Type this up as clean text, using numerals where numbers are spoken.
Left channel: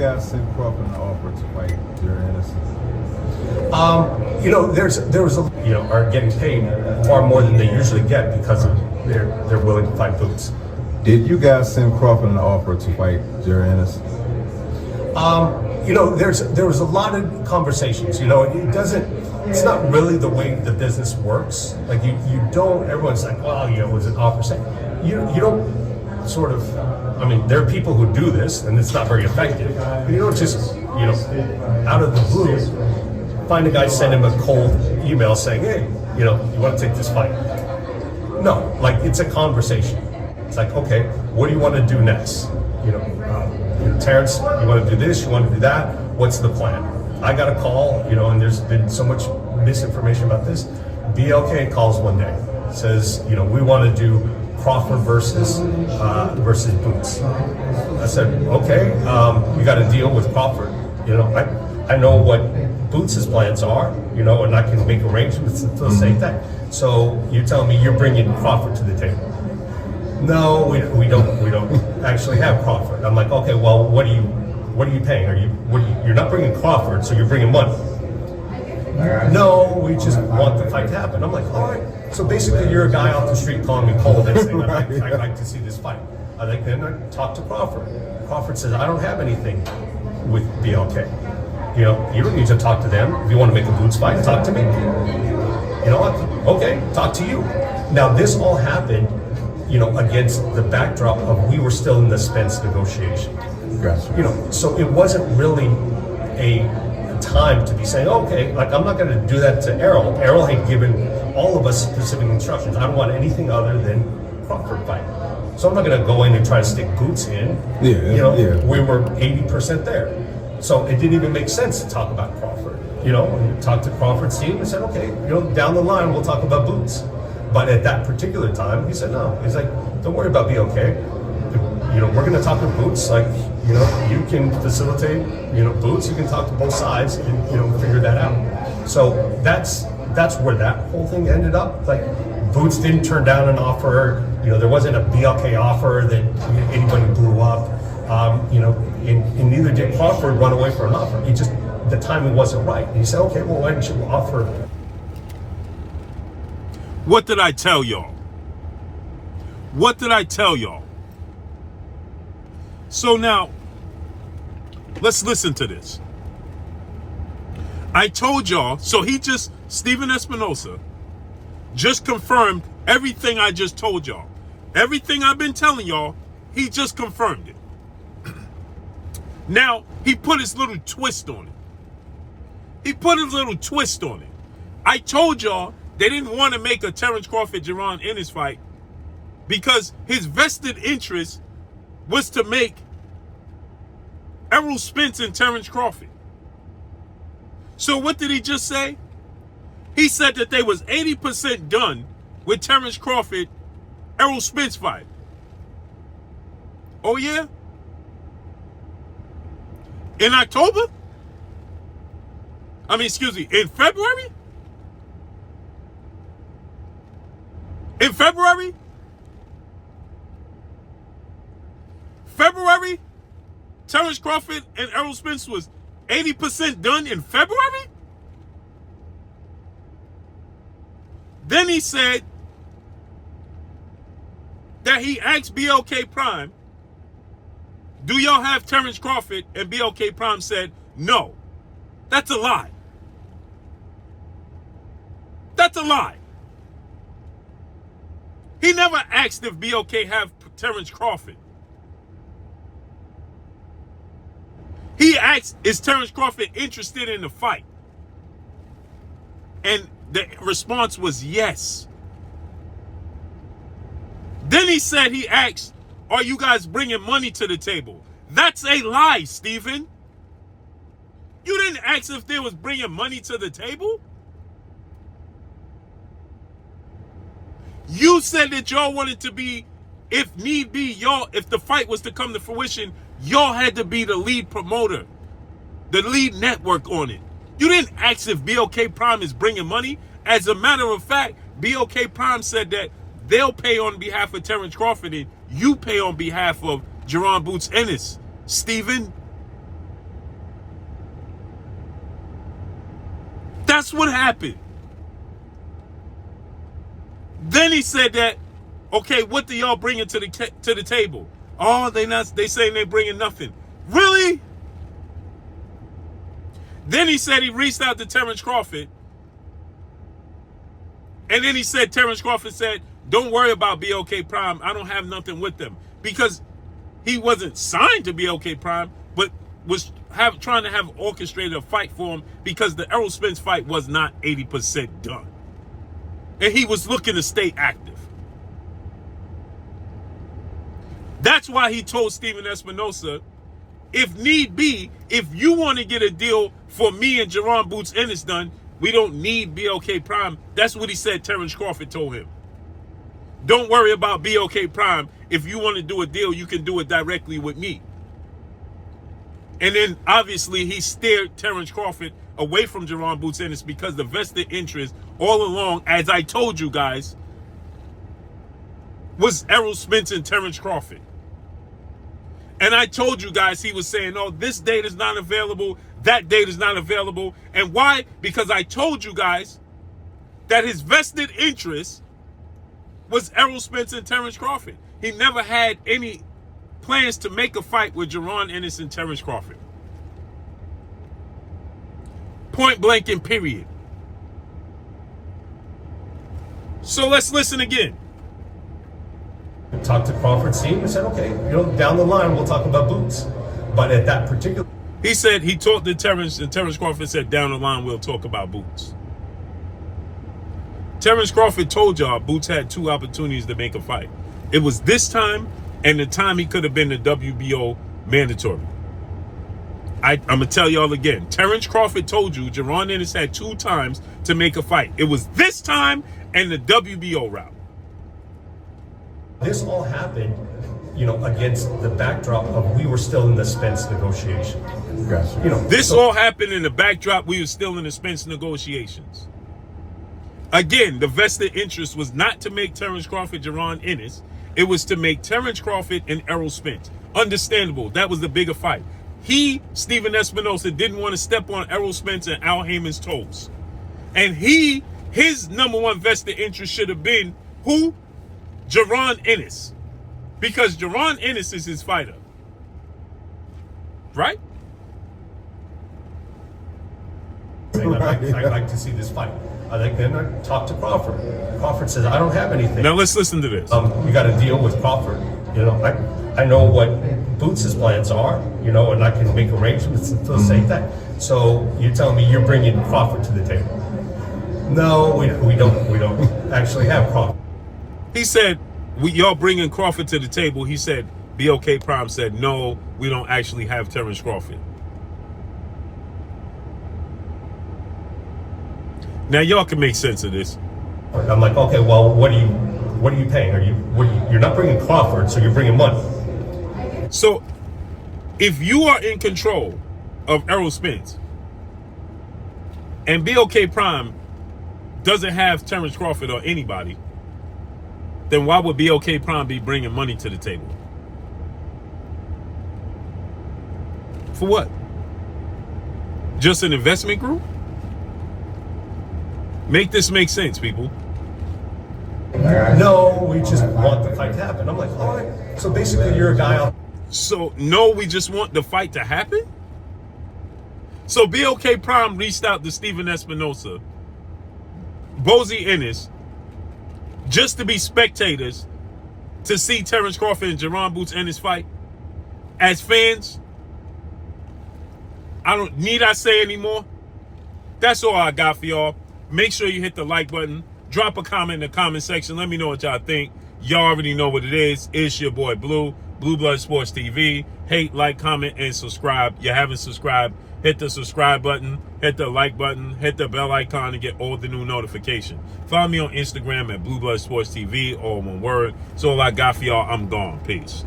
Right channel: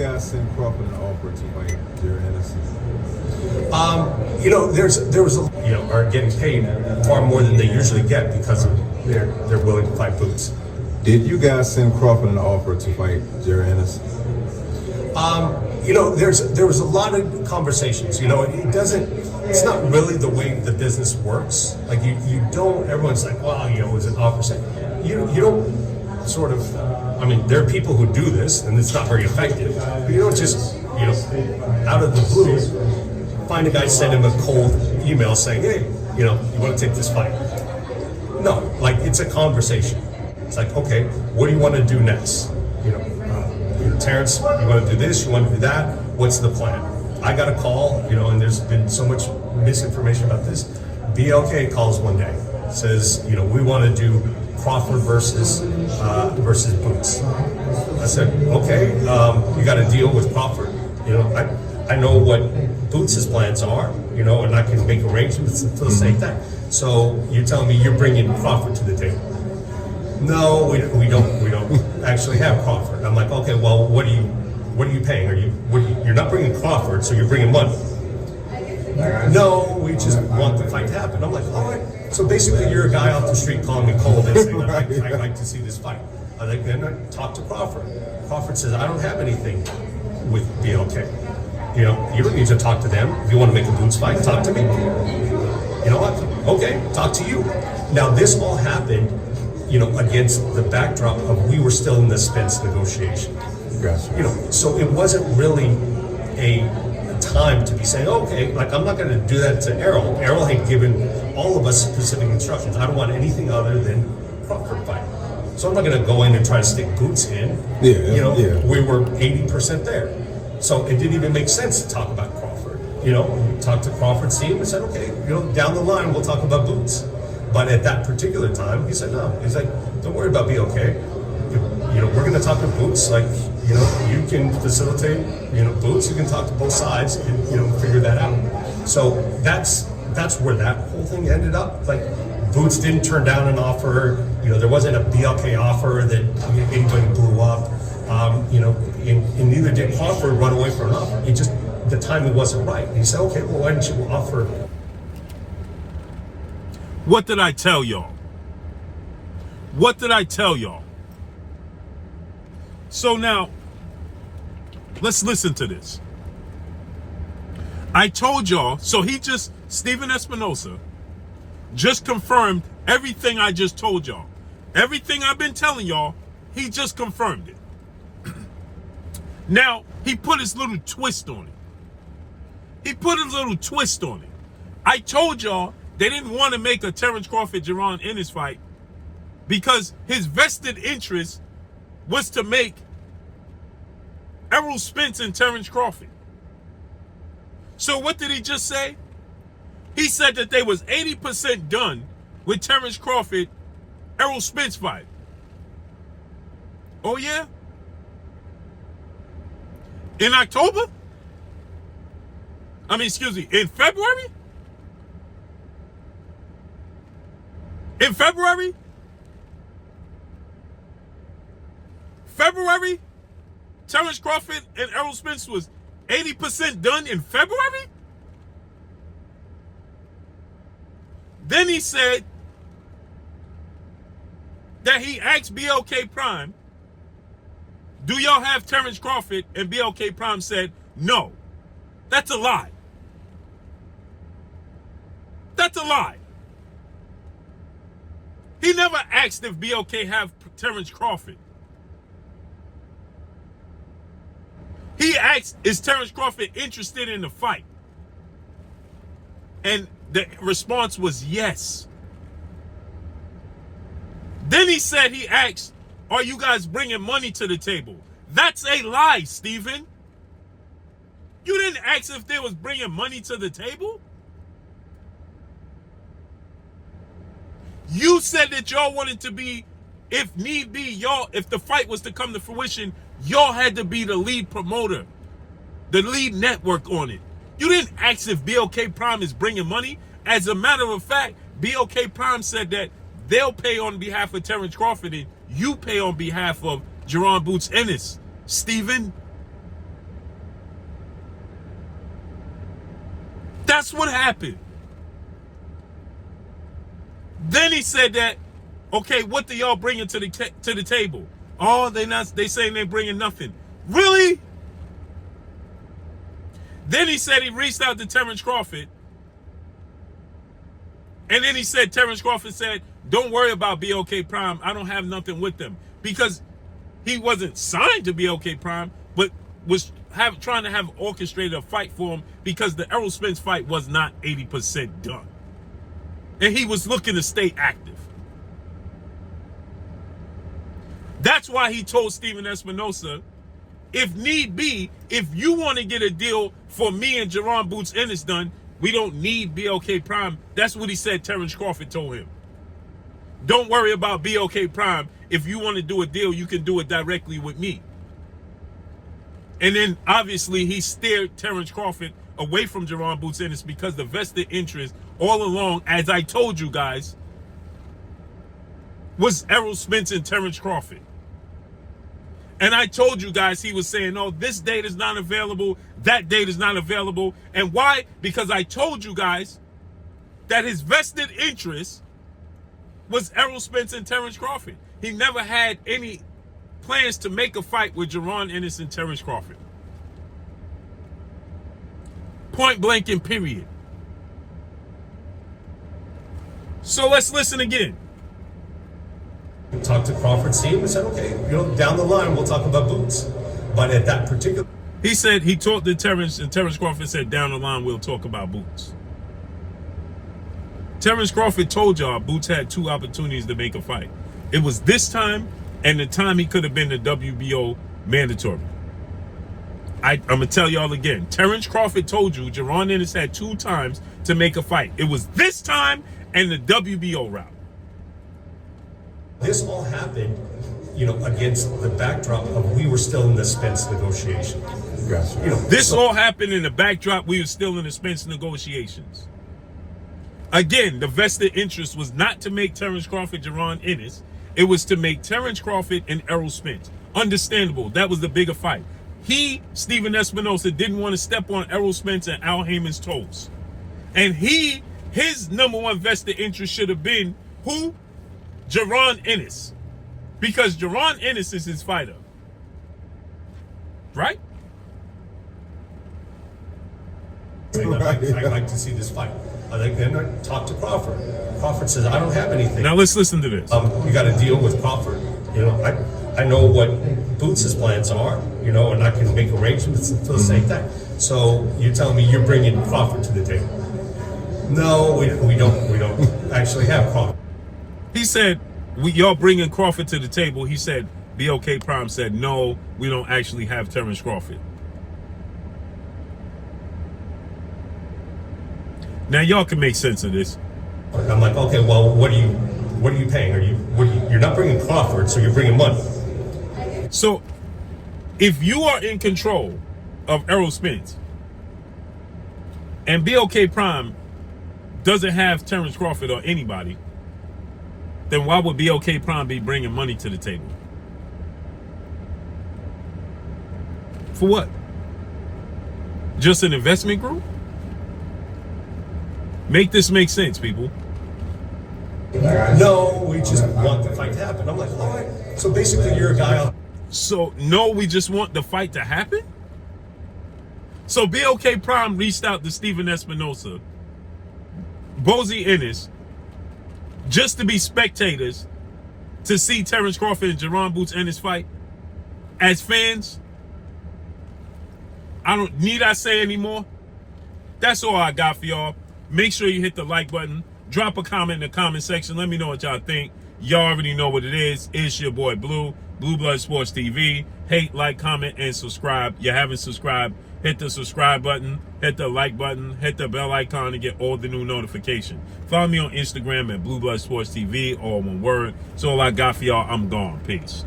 guys send Crawford an offer to fight Jaron Ennis? Are getting paid far more than they usually get because they're willing to fight Boots. Did you guys send Crawford an offer to fight Jaron Ennis? There was a lot of conversations. It's not really the way the business works. Like you don't. Everyone's like, well, it's an offer. You don't sort of. I mean, there are people who do this, and it's not very effective. You don't just out of the blue find a guy, send him a cold email saying, hey, you want to take this fight. No, like it's a conversation. It's like, okay, what do you want to do next? Terence, you want to do this, you want to do that, what's the plan? I got a call, and there's been so much misinformation about this. BLK calls one day, says, we want to do Crawford versus Boots. I said, okay, you got to deal with Crawford. I know what Boots' plans are, and I can make arrangements for the same thing. So you're telling me you're bringing Crawford to the table? No, we don't actually have Crawford. I'm like, okay, well, what are you paying? You're not bringing Crawford, so you're bringing money. No, we just want the fight to happen. I'm like, all right. So basically, you're a guy off the street calling me cold and saying, I'd like to see this fight. Then I talk to Crawford. Crawford says, I don't have anything with BLK. You don't need to talk to them. If you want to make a Boots fight, talk to me. You know what? Okay, talk to you. Now, this all happened, against the backdrop of we were still in the Spence negotiation. Gotcha. So it wasn't really a time to be saying, okay, like I'm not going to do that to Errol. Errol had given all of us specific instructions. I don't want anything other than Crawford fight. So I'm not going to go in and try to stick Boots in. We were 80% there. So it didn't even make sense to talk about Crawford. Talk to Crawford's team and said, okay, down the line we'll talk about Boots. But at that particular time, he said, no. He's like, don't worry about BLK. We're going to talk to Boots. Like, you can facilitate, Boots. You can talk to both sides and, figure that out. So that's where that whole thing ended up. Like, Boots didn't turn down an offer. There wasn't a BLK offer that anybody blew up. And neither did Crawford run away for an offer. It just, the timing wasn't right. And he said, okay, well, why didn't you offer? What did I tell y'all? What did I tell y'all? So now, let's listen to this. I told y'all, Stephen Espinoza just confirmed everything I just told y'all. Everything I've been telling y'all, he just confirmed it. Now, he put his little twist on it. I told y'all they didn't want to make a Terence Crawford-Jaron Ennis fight because his vested interest was to make Errol Spence and Terence Crawford. So what did he just say? He said that they was 80% done with Terence Crawford, Errol Spence fight. Oh yeah? In October? In February? In February? Terence Crawford and Errol Spence was 80% done in February? Then he said that he asked BLK Prime, do y'all have Terence Crawford? And BLK Prime said, no. That's a lie. That's a lie. He never asked if BLK have Terence Crawford. He asked, is Terence Crawford interested in the fight? And the response was yes. Then he said, he asked, are you guys bringing money to the table? That's a lie, Stephen. You didn't ask if they was bringing money to the table. You said that y'all wanted to be, if need be, if the fight was to come to fruition, y'all had to be the lead promoter, the lead network on it. You didn't ask if BLK Prime is bringing money. As a matter of fact, BLK Prime said that they'll pay on behalf of Terence Crawford and you pay on behalf of Jaron Boots Ennis. Stephen, That's what happened. Then he said that, okay, what do y'all bringing to the table? Oh, they saying they bringing nothing. Really? Then he said he reached out to Terence Crawford. And then he said, Terence Crawford said, don't worry about BLK Prime. I don't have nothing with them. Because he wasn't signed to BLK Prime, but was trying to have orchestrated a fight for him because the Errol Spence fight was not 80% done. And he was looking to stay active. That's why he told Steven Espinoza, if need be, if you want to get a deal for me and Jaron Boots Ennis done, we don't need BLK Prime. That's what he said Terence Crawford told him. Don't worry about BLK Prime. If you want to do a deal, you can do it directly with me. And then, obviously, he steered Terence Crawford away from Jaron Boots Ennis because the vested interest all along, as I told you guys, was Errol Spence and Terence Crawford. And I told you guys he was saying, oh, this date is not available, that date is not available. And why? Because I told you guys that his vested interest was Errol Spence and Terence Crawford. He never had any plans to make a fight with Jaron Ennis and Terence Crawford. Point blank and period. So let's listen again. Talked to Crawford, see him, and said, okay, down the line we'll talk about Boots. But at that particular... He said he talked to Terence, and Terence Crawford said, down the line we'll talk about Boots. Terence Crawford told y'all Boots had 2 opportunities to make a fight. It was this time and the time he could have been the WBO mandatory. I'm going to tell y'all again. Terence Crawford told you Jaron Ennis had 2 times to make a fight. It was this time and the WBO route. This all happened, against the backdrop of we were still in the Spence negotiation. Gotcha. This all happened in the backdrop. We were still in the Spence negotiations. Again, the vested interest was not to make Terence Crawford Jaron Ennis. It was to make Terence Crawford and Errol Spence. Understandable. That was the bigger fight. He, Steven Espinoza, didn't want to step on Errol Spence and Al Heyman's toes. And his number one vested interest should have been who? Jaron Ennis. Because Jaron Ennis is his fighter. Right? I'd like to see this fight. Then I talked to Crawford. Crawford says, I don't have anything. Now let's listen to this. You got to deal with Crawford. I know what Boots' plans are, and I can make arrangements to say that. So you're telling me you're bringing Crawford to the table? No, we don't actually have Crawford. He said, y'all bringing Crawford to the table. He said, BLK Prime said, no, we don't actually have Terence Crawford. Now y'all can make sense of this. I'm like, okay, well, what are you paying? You're not bringing Crawford, so you're bringing money. So if you are in control of Errol Spence and BLK Prime doesn't have Terence Crawford or anybody, then why would BLK Prime be bringing money to the table? For what? Just an investment group? Make this make sense, people. No, we just want the fight to happen. I'm like, all right. So basically, you're a guy. So, no, we just want the fight to happen? So, BLK Prime reached out to Steven Espinoza, Bozy Ennis, just to be spectators to see Terence Crawford and Jaron Boots Ennis fight. As fans, need I say anymore? That's all I got for y'all. Make sure you hit the like button. Drop a comment in the comment section. Let me know what y'all think. Y'all already know what it is. It's your boy Blue Blood Sports TV. Hate, like, comment, and subscribe. You haven't subscribed, hit the subscribe button, hit the like button, hit the bell icon to get all the new notifications. Follow me on Instagram at Blue Blood Sports TV, all one word. So all I got for y'all. I'm gone. Peace.